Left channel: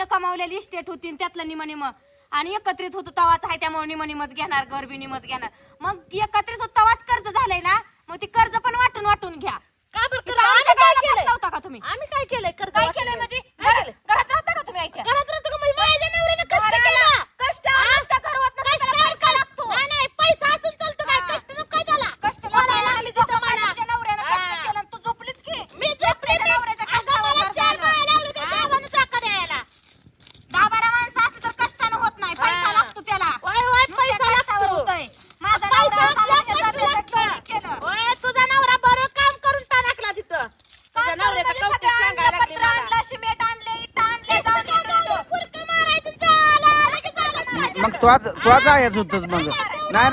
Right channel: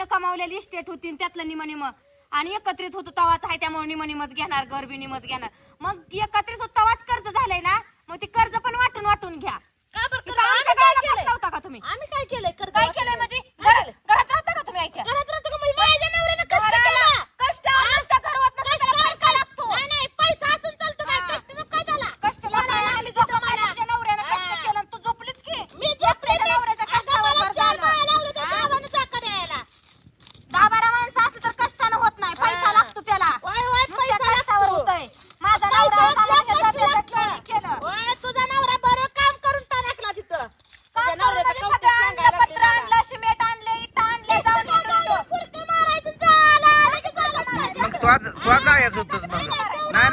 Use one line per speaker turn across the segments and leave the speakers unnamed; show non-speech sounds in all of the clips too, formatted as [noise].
बापानं कमावलेली इस्टेट होती त्यातलं निमनिम. आणि एकत्रित होतो तवाच आहे त्यामुळे निमनिमच घेणार गरबी निमच घेणार. मग एकत्रित होत तवाच कर्ज झालंय ना मग ती कर्ज पण वाटून वाटून घ्या.
का बरं
तुम्ही?
आम्ही काय केलंय?
काय केलंय म्हणजे? घरात राहता का तुम्ही ऐका
घरात राहतो का? म्हणजे माझ्या नवऱ्यानं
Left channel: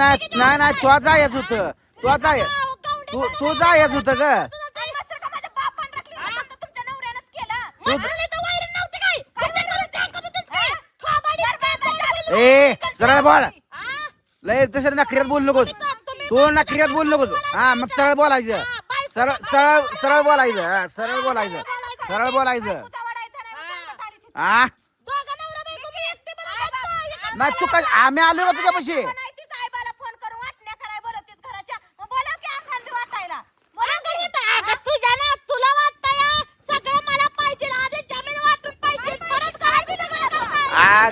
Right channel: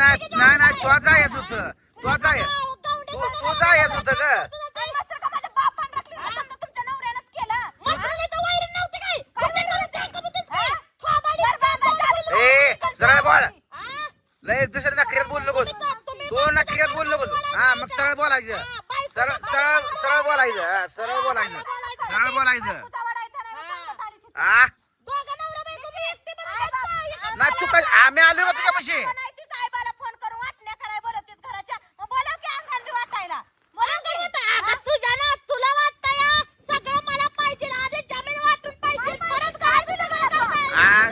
नाही नाही
नाही
तो जायच होत. तो जाय तू जायच होत ग. ए सरळ बोल. लय दुसऱ्या नखऱ्यात बोल नकोस. तो नखऱ्यात बोल नकोस. हा मग सरळ बोलायचं. सरळ सरळ सरळ बोलायचं. हा सरळ बोलायचं. सरळ बोलायचं. हा? नाही तू काय आम्ही आलो
होतो का पशी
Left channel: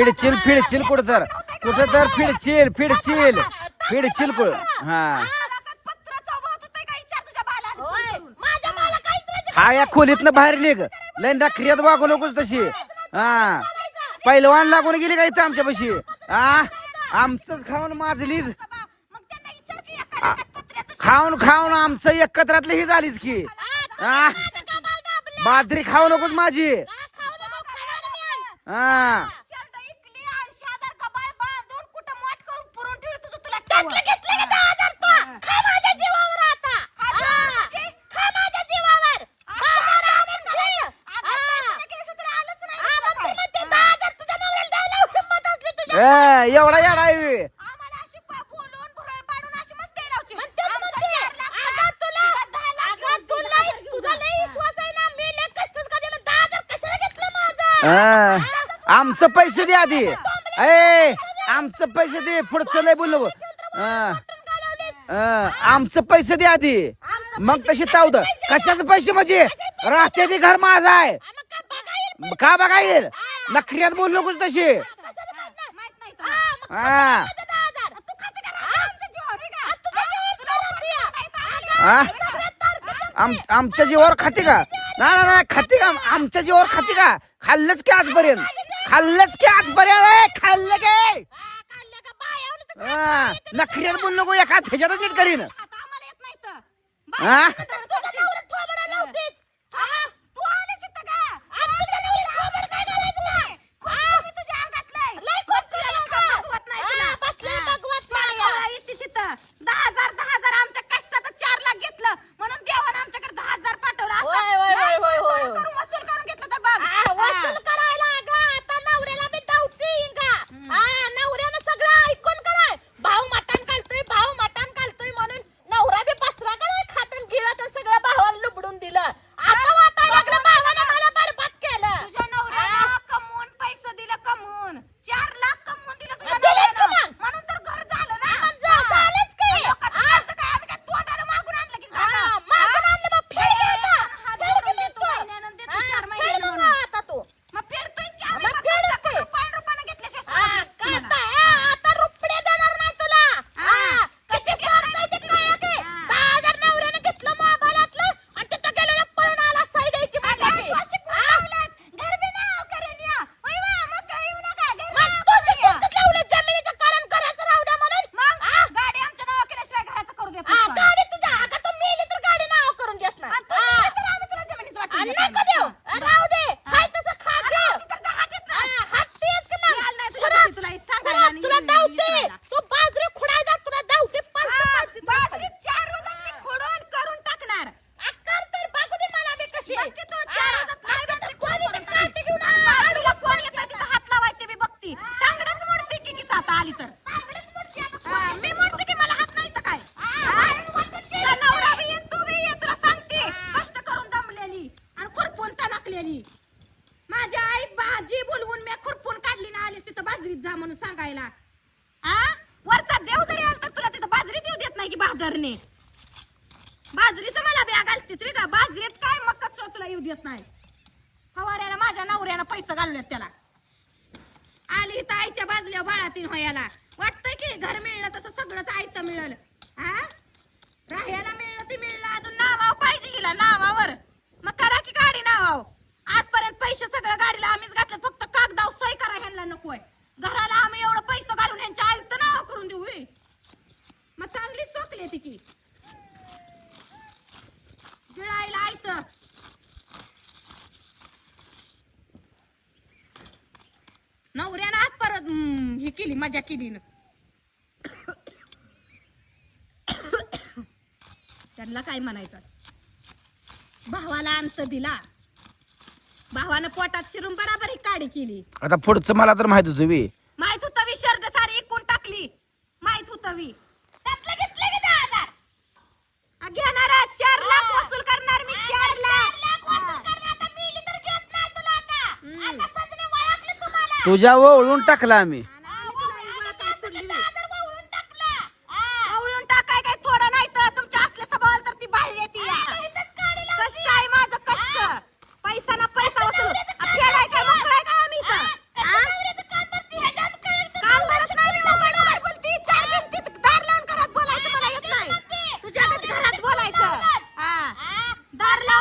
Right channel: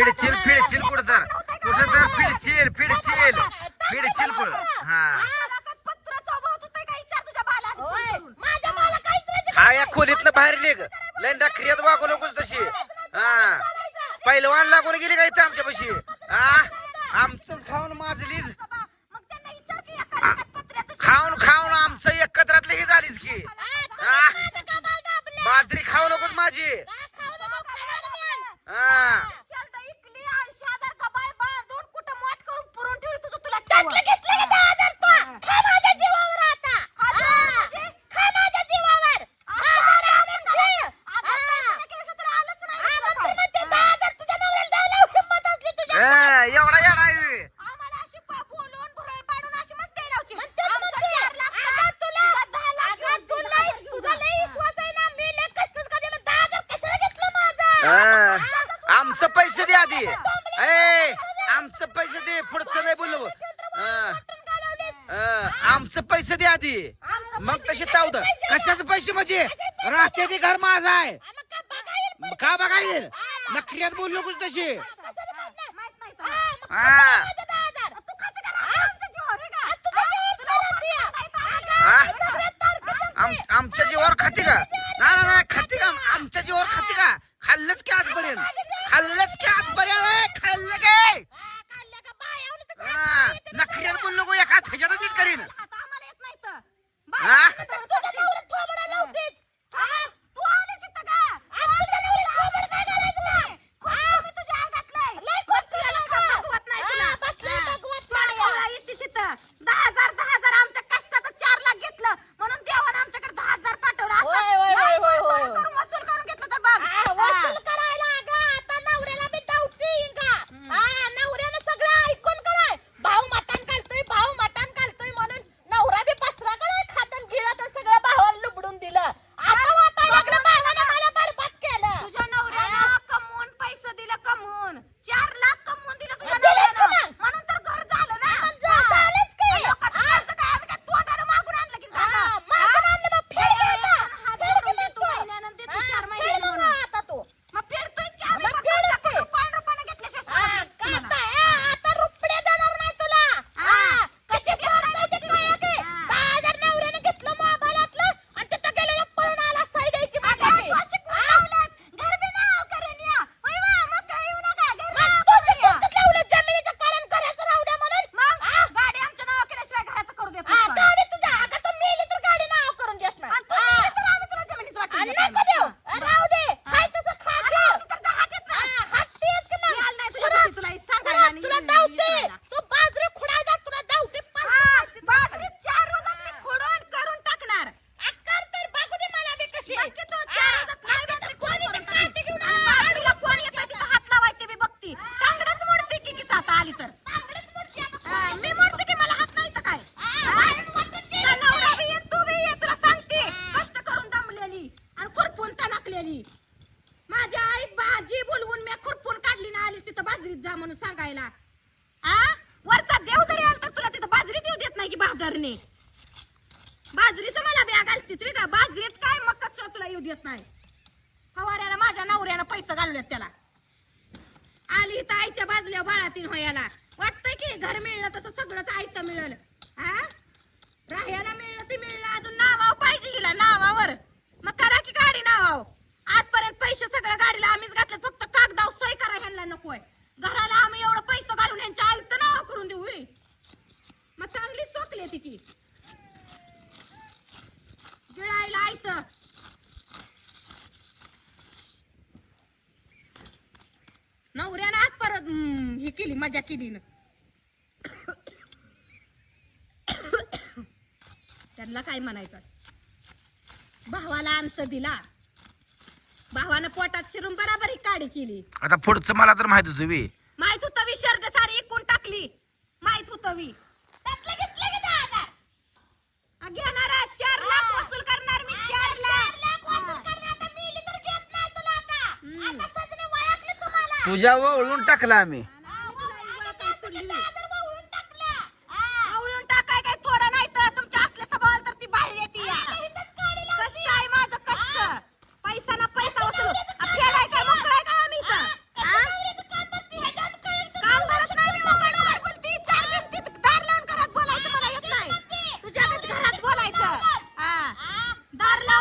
फिडचिल फिडचिल कुठं तर? कुठं तर फिडचिल फिडचिल. फिडचिल कुठ? हा. हा या खोलीतनं बाहेर निघ. लयंदा क्रियात वागू नकोस तशी. हा. पैलवान लागून गेली काय तर आमच्या पशी हा आमचंच खाऊन माजलीच खाऊन खाऊन आमचं एकत्रातली ही झालीच की. हा बाजरी खाऊ नकोस माझी. हा.
हा.
आमचं
पैसे दे आधी. ए आमचं पैसे दे. पुढचं नाही बोलू हा. हा, आमचं पैसे दे आधी. मग तशी तावद कशाचं पैसे म्हणजे? राहते ते घर माझा आहे. का बघा येईल नखऱ्यात बोलू नकोस तशी.
हा
आम- आमच्या जीवावर खाते का? ना ना ना खाते का? आमच्या जीवावर खाती का? खाल्लंच की आजपर्यंत. खाल्लंच की आजपर्यंत. खाल्लं काय
हा
नखऱ्यात बोल नको एका थेच्यातच नीट करीन. हा?
गेली. माझी आई भाजी बोलवून मी खुरपून काढली ना आलीस तिथं बाजरीत जा म्हणून सांगायला. आ? वरचा देव जरी आला तर तुला तिथं बाजरीत येऊ देत नाही की बहादरने बाजरीचं मला बॅग घालतीत रे का बाजरीत काय मक्काच तुला येऊ देत नाही. फवाऱ्याला माझ्या नवऱ्यानं पैसे घालूयात त्याला. आली इथं आईच्या बाजल्या बाळातीन होयाला. वाटतंय की घर मिळलं तसं सगळंच आयतं मिळलं. हा राहायला मिळलं ते मिळलं अजून नावाव पाहिजे गेला नावावर. मग करा की गाडी नावाव पैसे सगळ्या गाडीला आम्हीच घातले फक्त कागदाव सही करा ह्यांना नकोय. घराला आम्ही एवढं पैसे घालून ह्यांच्या आयुक्त नाव करून देऊ मग चांगली सोपली ती की. गिळायला आयत. नवऱ्यानं आज परत हे ही केली मजा केली ना. [coughs] त्यांना काय म्हणायचं? भावाला अंत दिला. भावानं पोटात शिरून बराबर ही काडी केली.
आता पुढचं मला तर माहीत होतं बी.
माहीत होतं वी शर्ट सारी इकून टाकली. माहीत होतं वी त्यातलं घेतलं की नाही आता? आ, घेणार आहे. चार लाख वसूल करणार मी चार लाख. हम्म.
तुझ्या ओळून टाकला आम्ही.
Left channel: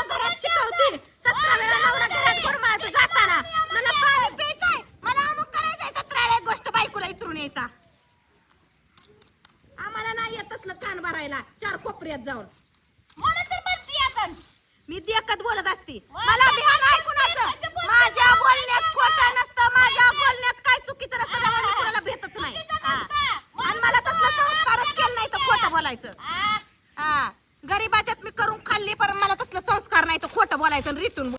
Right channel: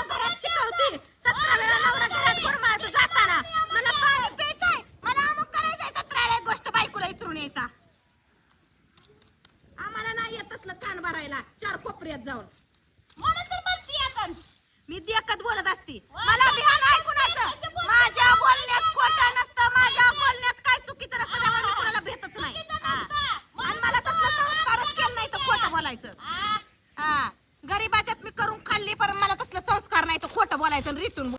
घरात शिकवते. सतरा वेळा नवरा घरात गुरमाळतो जाताना. मला पाणी प्यायचंय. मला अमुक करायचंय. सतरा वेळा एक गोष्ट बायकोला इचरून यायचा. आम्हाला नाही येत असलं कान भरायला. चार कोपऱ्यात जाऊन. मी देखत बोलत असते. मला